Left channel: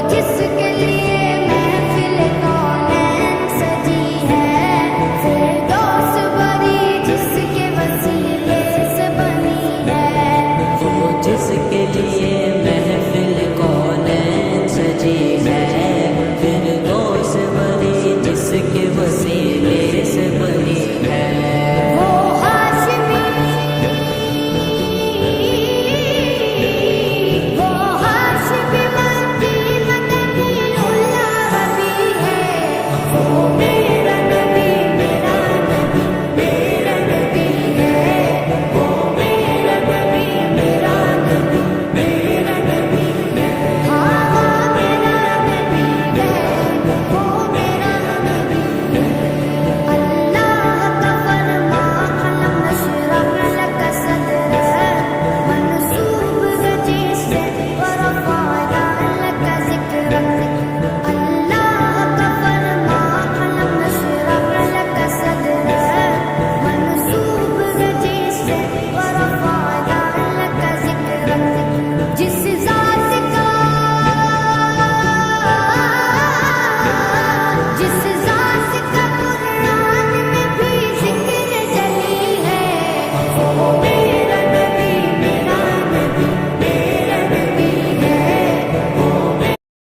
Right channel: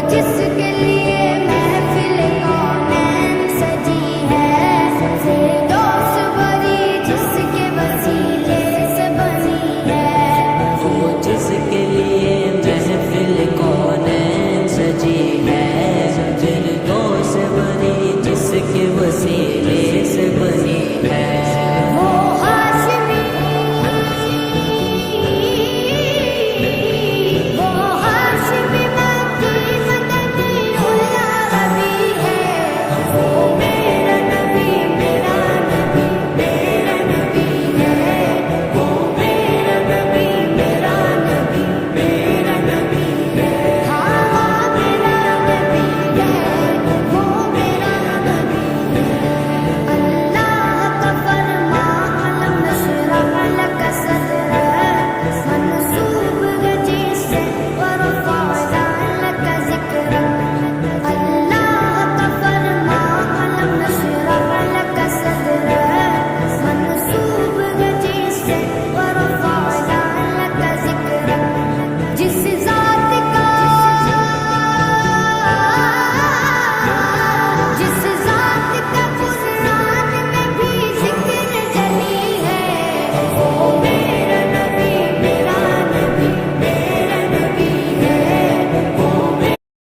جس کے لیے محفل کونین سجی ہے، فردوس بری جس کے وسیلے سے بنی ہے، وہ جس کے لیے محفل کونین سجی ہے،